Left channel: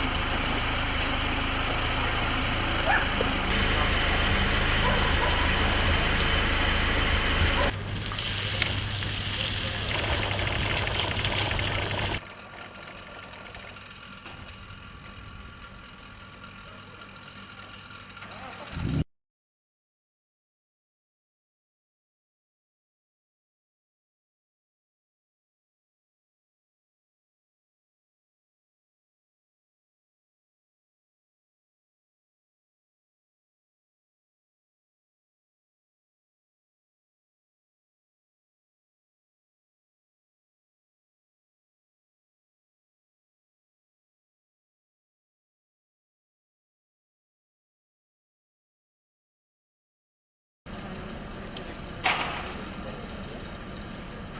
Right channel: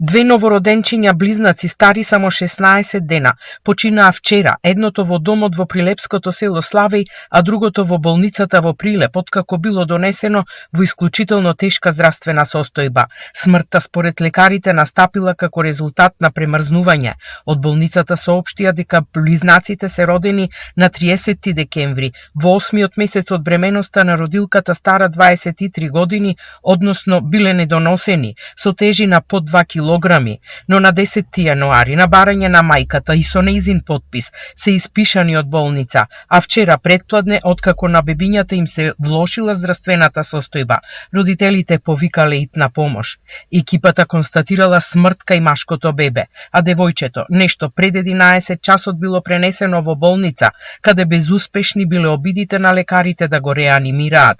Две новороденчиња близнаци стари само 16 дена починаа вчера, едното во домот во прилепското село Славеј, а другото во болницата во Прилеп, откако било донесено во исклучително тешка здравствена состојба. Смртта според лекарите настапила како резултат на премрзнување. Од болницата соопштија дека близнаците се родени на 30 декември, во 8-миот месец од бременоста на родилката стара 23 години, односно биле недоносени, со тежина под 2 килограми, но на 10 јануари на барање на мајката и со нејзин потпис се испишани од болница, а вчера предпладне, откако на бебињата им се влошила здравствената состојба, родителите повикале итна помош. Екипата констатирала смрт кај машкото бебе, а девојчето нешто пред 11 часот било пренесено во болница, каде безуспешни биле обидите на лекарите да го реанимираат.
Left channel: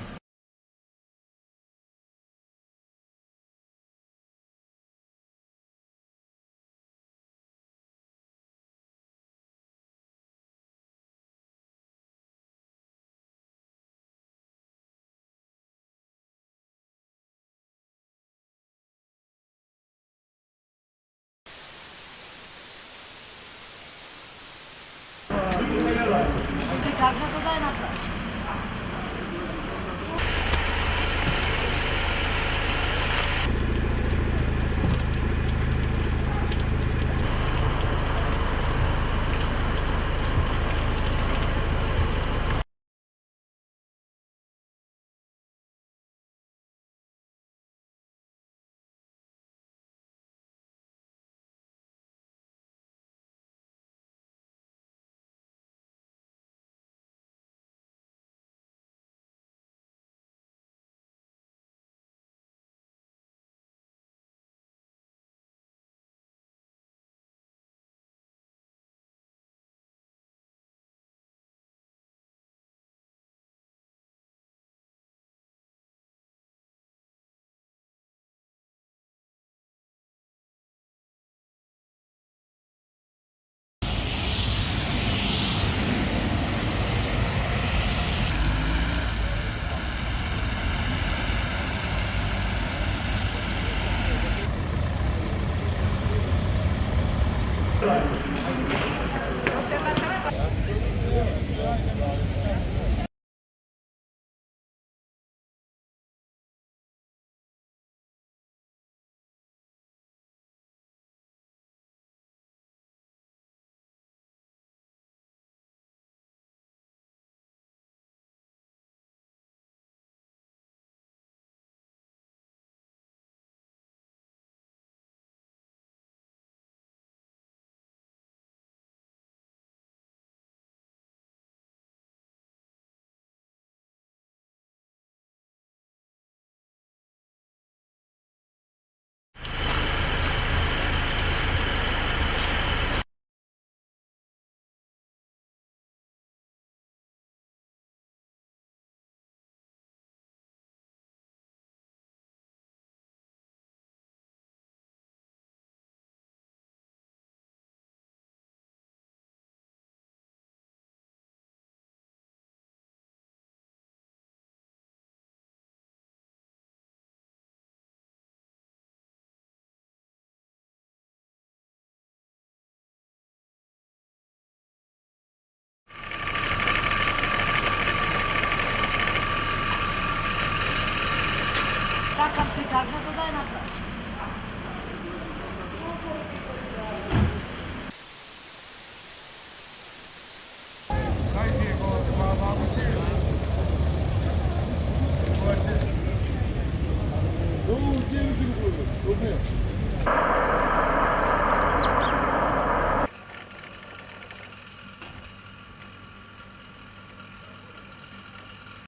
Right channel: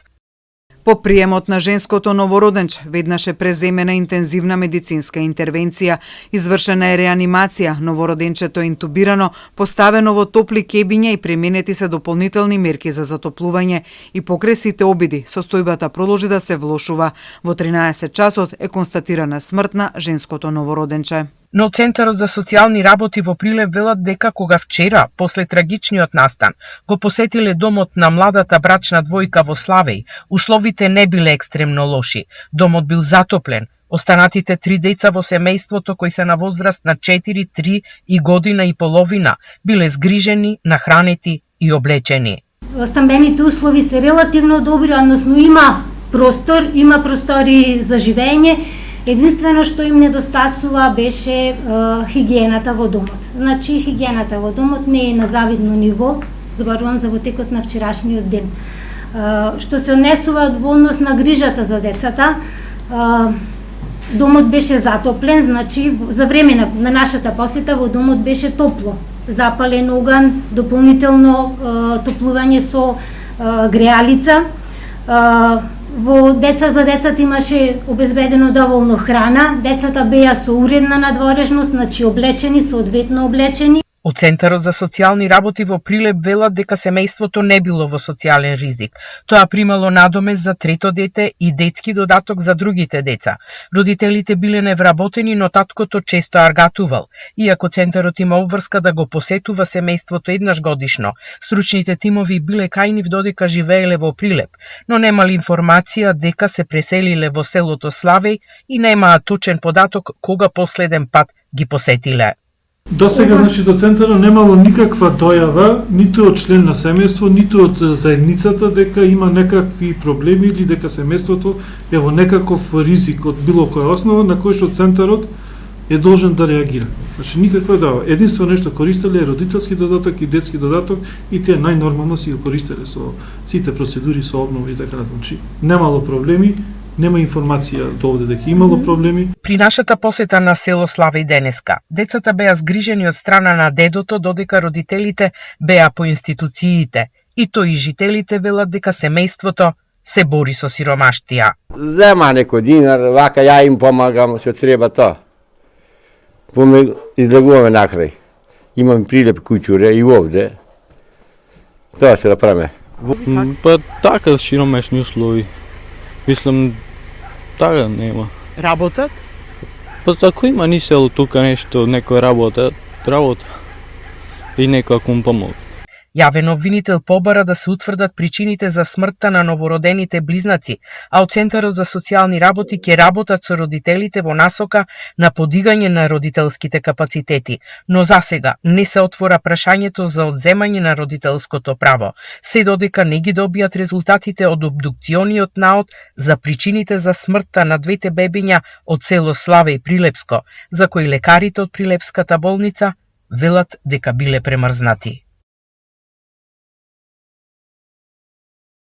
По приемот на женското новороденче, веднаш е преземена интензивна медицинска интервенција, извршена е реанимација, новороденчето е интубирано, поставено во топли кебиња и применети се дополнителни мерки за затоплување и покрај сите обиди, состојбата продолжи да се влошува. Во 13 часот е констатирана смрт на женското новороденче. Но Центарот за социјални работи во Прилеп велат дека кога вчера, после трагичниот настан, го посетиле домот на младата брачна двојка во Славеј, условите не биле екстремно лоши. Домот бил затоплен. Останатите 3 деца во семејството, кои се на возраст на 4, 3 и година и половина, биле згрижени, нахранети и облечени. Стамбените услови се релативно добри, односно има простори за живење. Единствено што им недостасува беше хигиената во домот. Значи, хигиената во домот не е на завидно ниво, зборувам за во текот на вчерашниот ден. Што се однесува во однос на грижата за децата, домот беше затоплен, значи за време на нашата посета во домот беше топло. Запален оган, дополнително топлување со греалица. За децата имаше обезбедено доволно храна, децата беа со уредна надворешност, значи облечени, соодветно облечени. Од Центарот за социјални работи во Прилеп велат дека семејството не било во социјален ризик. Тоа примало надомест за трето дете и детски додаток за другите деца. Родителите биле невработени, но таткото често аргатувал. Иако Центарот има обврска да го посетува семејството еднаш годишно, стручните тимови биле кај нив додека живееле во Прилеп, но немали информација дека се преселиле во селото Славеј и немаа точен податок кога последен пат ги посетиле. До сега, значи, до Центарот немало никаква дојава, ниту од член на семејство, ниту од заедницата дека има некакви проблеми или дека семејството е во некаков ризик од било која основа на кој што Центарот е должен да реагира. Значи, никаква дојава. Единствено нешто користеле е родителски додаток и детски додаток и тие најнормално си го користеле со сите процедури, со обнова и така натаму. Значи, немало проблеми. Нема информација до овде дека имало проблеми. При нашата посета на село Славеј денеска, децата беа згрижени од страна на дедото, додека родителите беа по институциите. И тој и жителите велат дека семејството се бори со сиромаштија. Зема некој динар, вака ја им помагам, што треба тоа. Излегуваме накрај. Имам Прилеп куќуре и овде. Тоа се да правиме. Па така сиромашни услови. Мислам, така нема. Работат? Па ако има ни село тука нешто, некој работа. И некој ако му помогне. Јавен обвинител побара да се утврдат причините за смртта на новородените близнаци, а од Центарот за социјални работи ќе работат со родителите во насока на подигање на родителските капацитети. Но засега не се отвора прашањето за одземање на родителското право, се додека не ги добијат резултатите од обдукциониот наод за причините за смртта на двете бебиња од село Славеј Прилепско, за кои лекарите од Прилепската болница велат дека биле премрзнати.